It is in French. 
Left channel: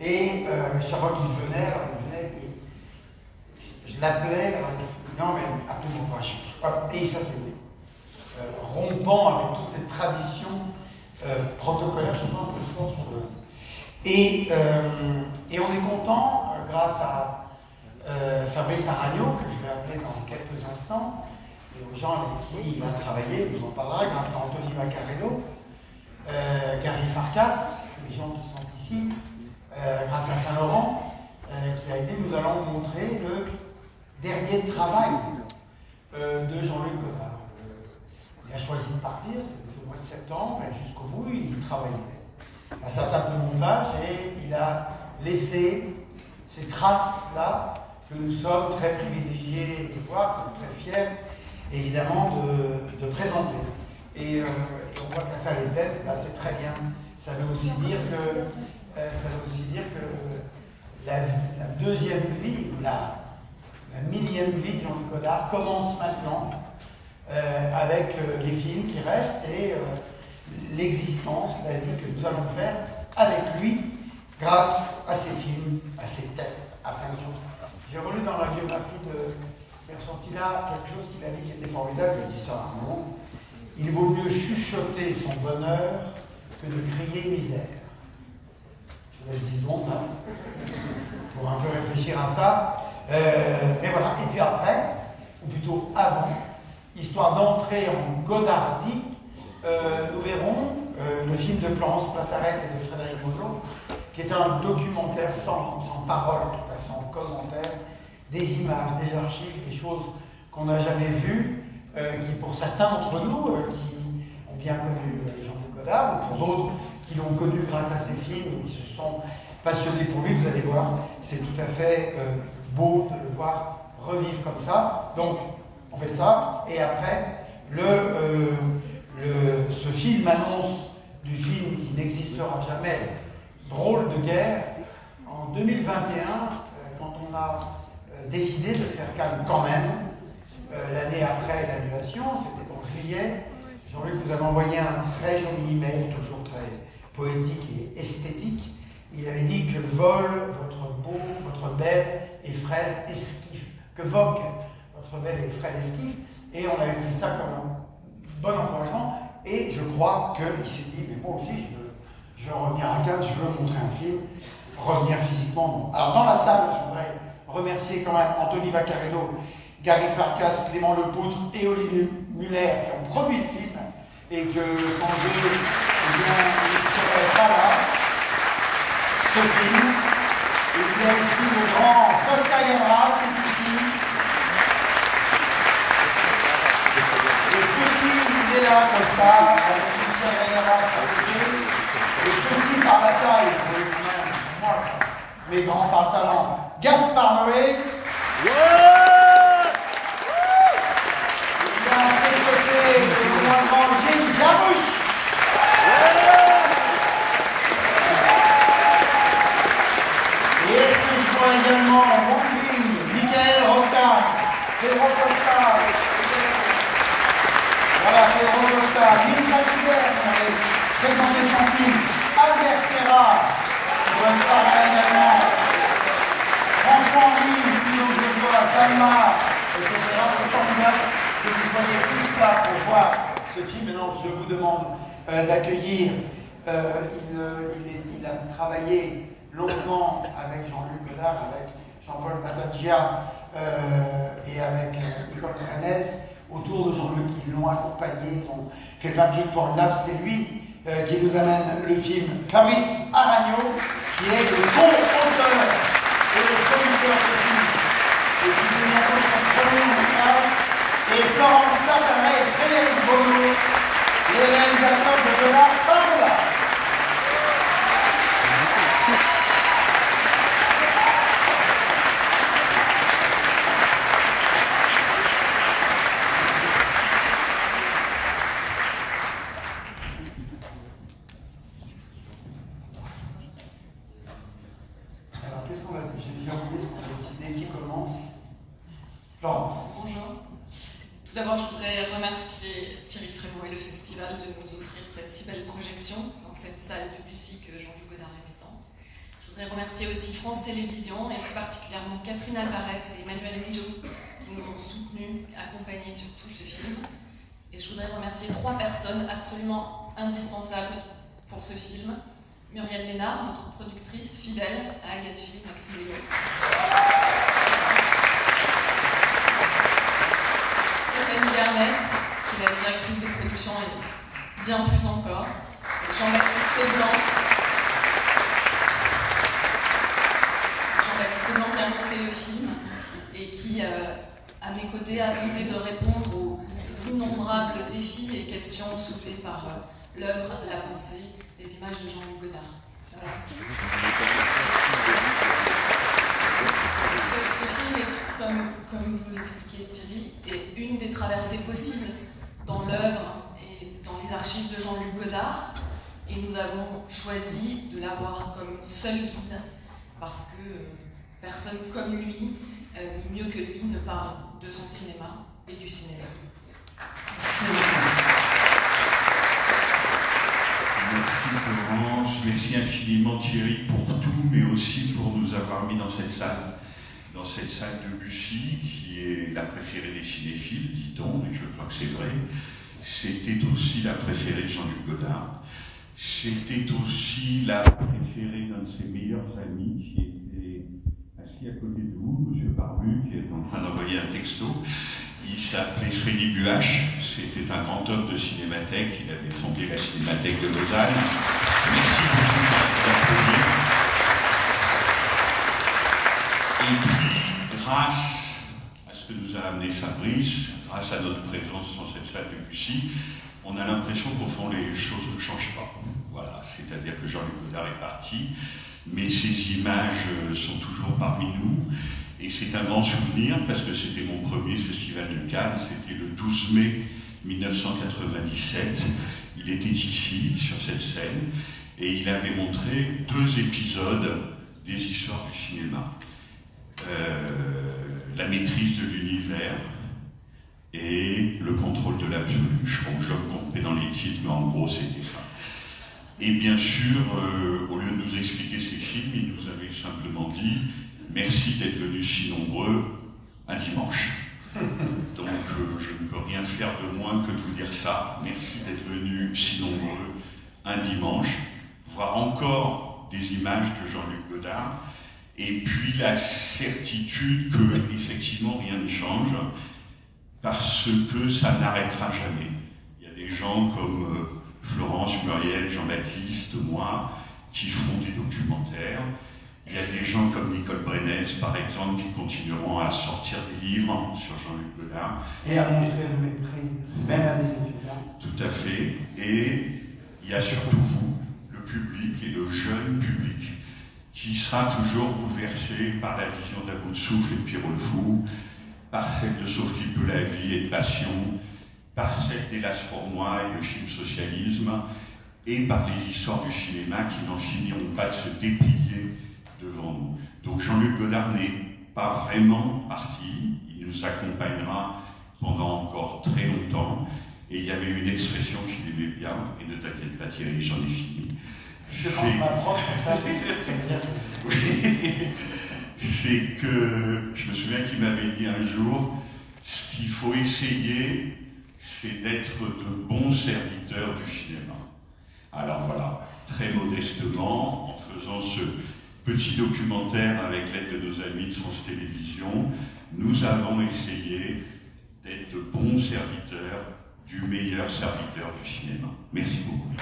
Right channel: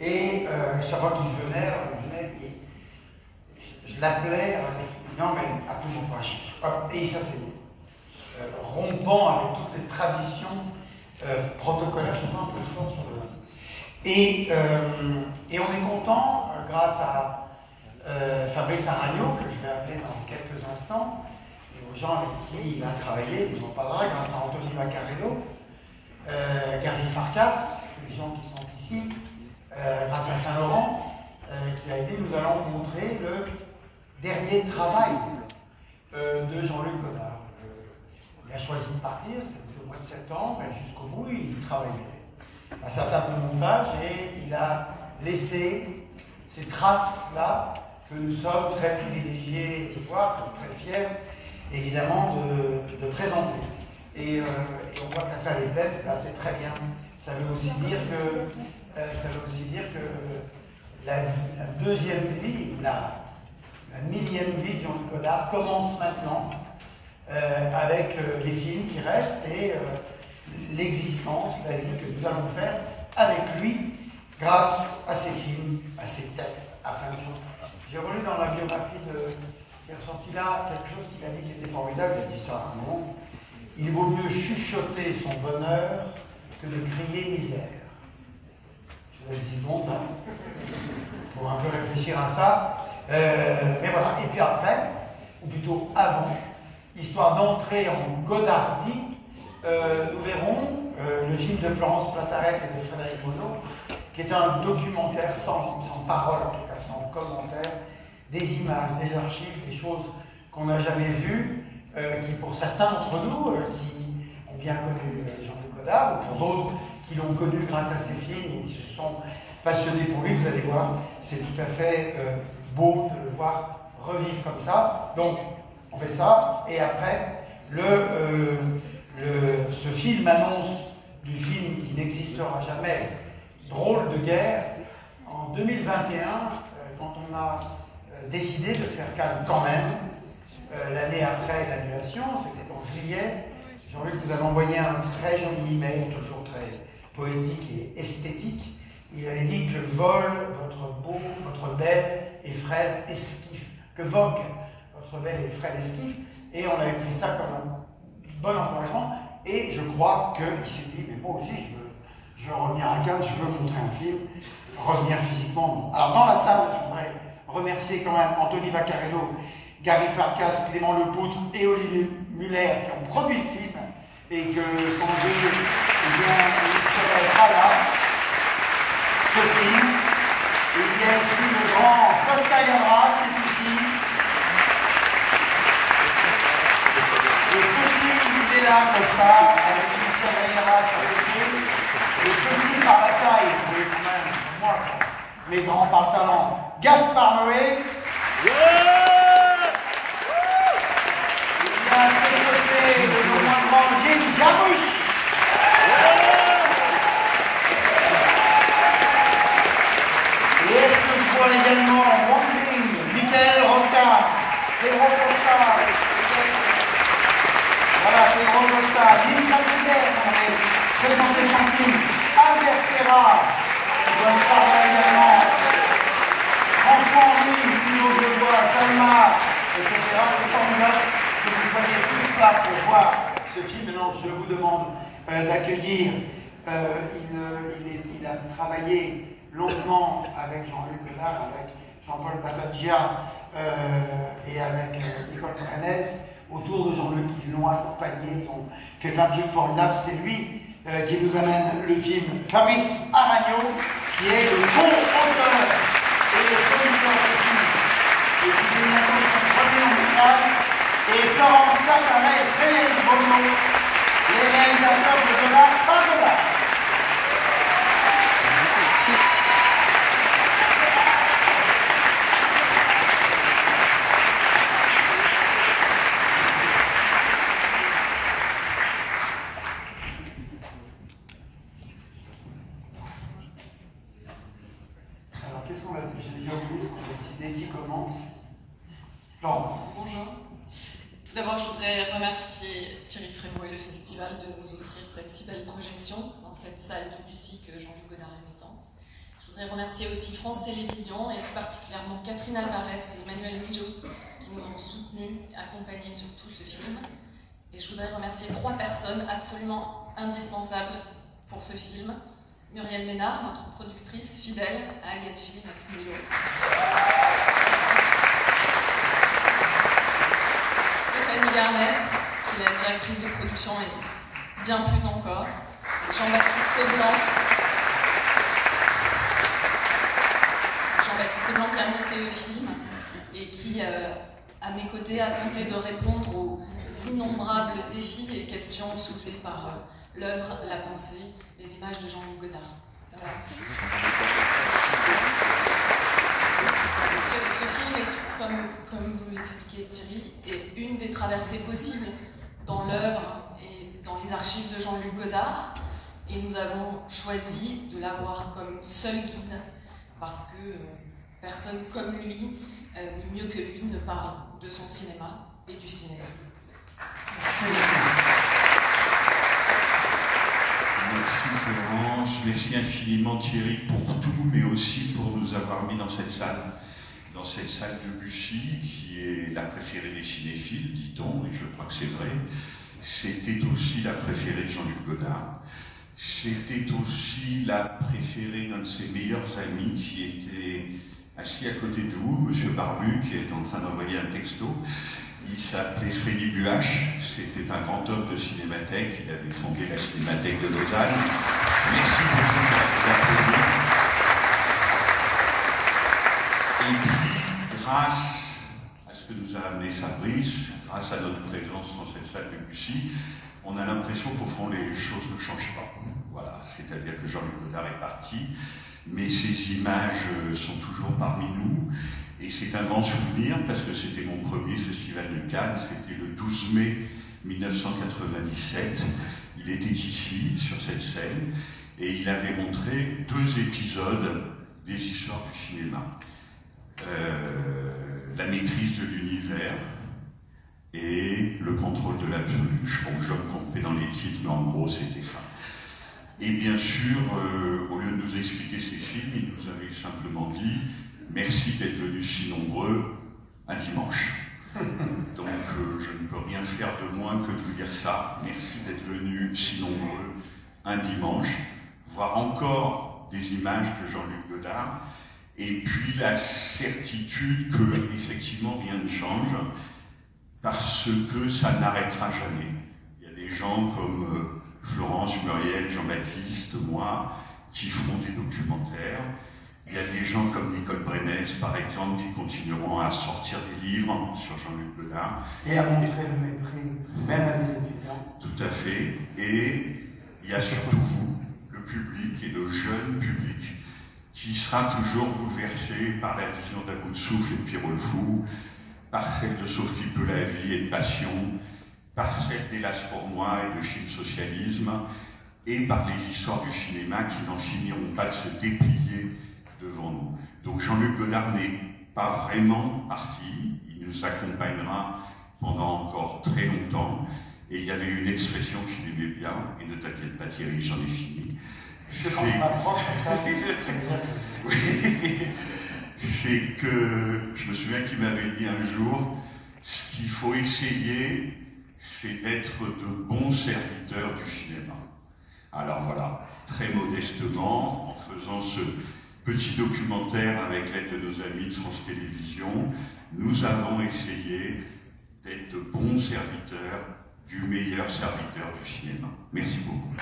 Et chaque fois qu'il venait, je l'appelais, alors il dit non, mais absolument pas. Et ça c'est rompant avec toutes les traditions protocolaires, je suis un peu fort sur le. Et on est content, grâce à Fabrice Aragno, que je vais appeler dans quelques instants, et aux gens avec qui il a travaillé, il nous en parlera, grâce à Anthony Vaccarello, Gary Farkas, les gens qui sont ici, grâce à Saint-Laurent, qui a aidé, nous allons montrer le dernier travail de Jean-Luc Godard. Il a choisi de partir, c'était au mois de septembre, mais jusqu'au bout, il travaillait à sa table de montage et il a laissé ces traces-là que nous sommes très privilégiés de voir, très fiers, évidemment, de présenter. Et on voit que la salle est pleine, c'est très bien. Ça veut aussi dire que la deuxième vie, ou la millième vie de Jean-Luc Godard commence maintenant avec les films qui restent et l'existence, la vie que nous allons faire avec lui grâce à ses films, à ses textes, à plein de choses. J'ai relu dans la biographie de Pierre Chantilla quelque chose qu'il a dit qui était formidable, il a dit ça à un moment. Il vaut mieux chuchoter son bonheur que de crier misère. Je vous laisse 10 secondes hein, pour un peu réfléchir à ça. Mais voilà, et puis après, ou plutôt avant, histoire d'entrer en Godardie, nous verrons le film de Florence Platarek et de Frédéric Monod, qui est un documentaire sans parole, en tout cas sans commentaire, des images, des archives, des choses qu'on n'a jamais vues, qui pour certains d'entre nous, qui ont bien connu Jean-Luc Godard, ou pour d'autres qui l'ont connu grâce à ses films, ou qui se sont passionnés pour lui, vous allez voir, c'est tout à fait beau de le voir revivre comme ça. Donc, on fait ça, et après, ce film annonce du film qui n'existera jamais, Drôle de guerre, en 2021, quand on a décidé de faire calme quand même, l'année après l'annulation, c'était en juillet, Jean-Luc nous avait envoyé un très joli email, toujours très poétique et esthétique. Il avait dit que vole votre beau, votre belle et frêle esquif, que vogue votre belle et frêle esquif, et on avait pris ça comme un bon encouragement, et je crois qu'il s'est dit, mais moi aussi je veux revenir à Cannes, je veux montrer un film, revenir physiquement. Alors dans la salle, je voudrais remercier quand même Anthony Vaccarello, Gary Farkas, Clément Lepoutre et Olivier Muller qui ont produit le film, et que sans eux, eh bien, il ne serait pas là, ce film. Et il y a ici le grand Costa Gavras, c'est ici. Le petit Videla Costa, avec Michel Gavras à côté. Le petit par bataille, moi, les grands par talent, Gaspard Noé. Et bien à ses côtés, le moins grand Jim Jarmusch. Et est-ce que je vois également Wang Michael Rosta, Pedro Costa, voilà, Pedro Costa, Lynn Capitaine, on avait présenté son film, Albert Serra, qui doit être par là également, François-Henri, Pino Grégoire, Salma, etc. C'est formidable que vous soyez tous là pour voir ce film. Alors, je vous demande d'accueillir, il a travaillé longuement avec Jean-Luc Godard, avec Jean-Paul Battagia et avec Nicole Prenez, autour de Jean-Luc, qui l'ont accompagné, ils ont fait plein de trucs formidables. C'est lui qui nous amène le film Fabrice Aragno, qui est le co-auteur et le producteur du film, et qui fait bientôt son premier montage, et Florence Platarek et Frédéric Monod, les réalisateurs de Godard par Godard. De nous offrir cette si belle projection dans cette salle de Bussy que Jean-Luc Godard aimait tant. Je voudrais remercier aussi France Télévisions et tout particulièrement Catherine Alvarez et Emmanuel Mijo qui nous ont soutenus et accompagnés sur tout ce film. Et je voudrais remercier 3 personnes absolument indispensables pour ce film. Muriel Ménard, notre productrice fidèle à Agathe Film, Maxime Léo. Stéphanie Garnès, qui est la directrice de production et bien plus encore. Jean-Baptiste Blanc. Jean-Baptiste Blanc qui a monté le film et qui, à mes côtés, a tenté de répondre aux innombrables défis et questions soulevées par l'œuvre, la pensée, les images de Jean-Luc Godard. Voilà. Ce film est, comme vous l'expliquez Thierry, est une des traversées possibles dans l'œuvre et dans les archives de Jean-Luc Godard. Et nous avons choisi de l'avoir comme seul guide parce que personne comme lui, ni mieux que lui, ne parle de son cinéma et du cinéma. Merci Florence, merci infiniment Thierry pour tout, mais aussi pour nous avoir mis dans cette salle de Bussy, qui est la préférée des cinéphiles, dit-on, et je crois que c'est vrai. C'était aussi la préférée de Jean-Luc Godard. C'était aussi la préférée d'un de ses meilleurs amis qui était assis à côté de vous, M. Barbu, qui est en train d'envoyer un texto. Il s'appelait Freddy Buache, c'était un grand homme de cinémathèque, il avait fondé la Cinémathèque de Lausanne. Merci beaucoup d'applaudir. Et puis, grâce à ce que nous a amené Fabrice, grâce à notre présence dans cette salle de Bussy, on a l'impression qu'au fond les choses ne changent pas. Voilà, c'est-à-dire que Jean-Luc Godard est parti, mais ces images sont toujours parmi nous. Et c'est un grand souvenir parce que c'était mon premier festival de Cannes, c'était le 12 mai 1997. Il était ici, sur cette scène, et il avait montré 2 épisodes des histoires du cinéma. La maîtrise de l'univers et le contrôle de l'absolu. Je crois que je me trompais dans les titres, mais en gros c'était ça. Et bien sûr, au lieu de nous expliquer ces films, il nous avait simplement dit « Merci d'être venus si nombreux un dimanche ». Donc je ne peux rien faire de moins que de vous dire ça. Merci d'être venus si nombreux un dimanche, voir encore des images de Jean-Luc Godard, et puis la certitude que effectivement rien ne change, parce que ça n'arrêtera jamais. Il y a des gens comme Florence, Muriel, Jean-Baptiste, moi, qui feront des documentaires. Il y a des gens comme Nicole Brenez, par exemple, qui continueront à sortir des livres sur Jean-Luc Godard. Et à montrer le mépris, même à des étudiants. Tout à fait. Et il y a surtout vous, le public et le jeune public, qui sera toujours bouleversé par la vision d'À bout de souffle et de Pierrot le Fou, par celle de Sauf qui peut la vie et de Passion, par celle d'Hélas pour moi et de Film Socialisme, et par les histoires du cinéma qui n'en finiront pas de se déplier devant nous. Donc Jean-Luc Godard n'est pas vraiment parti, il nous accompagnera pendant encore très longtemps, et il y avait une expression qu'il aimait bien, et ne t'inquiète pas Thierry, j'en ai fini. C'est quand je m'approche comme ça, c'est que, je me souviens qu'il m'avait dit un jour, ce qu'il faut essayer, c'est d'être de bons serviteurs du cinéma. Alors voilà, très modestement, en faisant ce petit documentaire avec l'aide de nos amis de France Télévisions, nous avons essayé d'être de bons serviteurs du meilleur serviteur du cinéma. Merci beaucoup.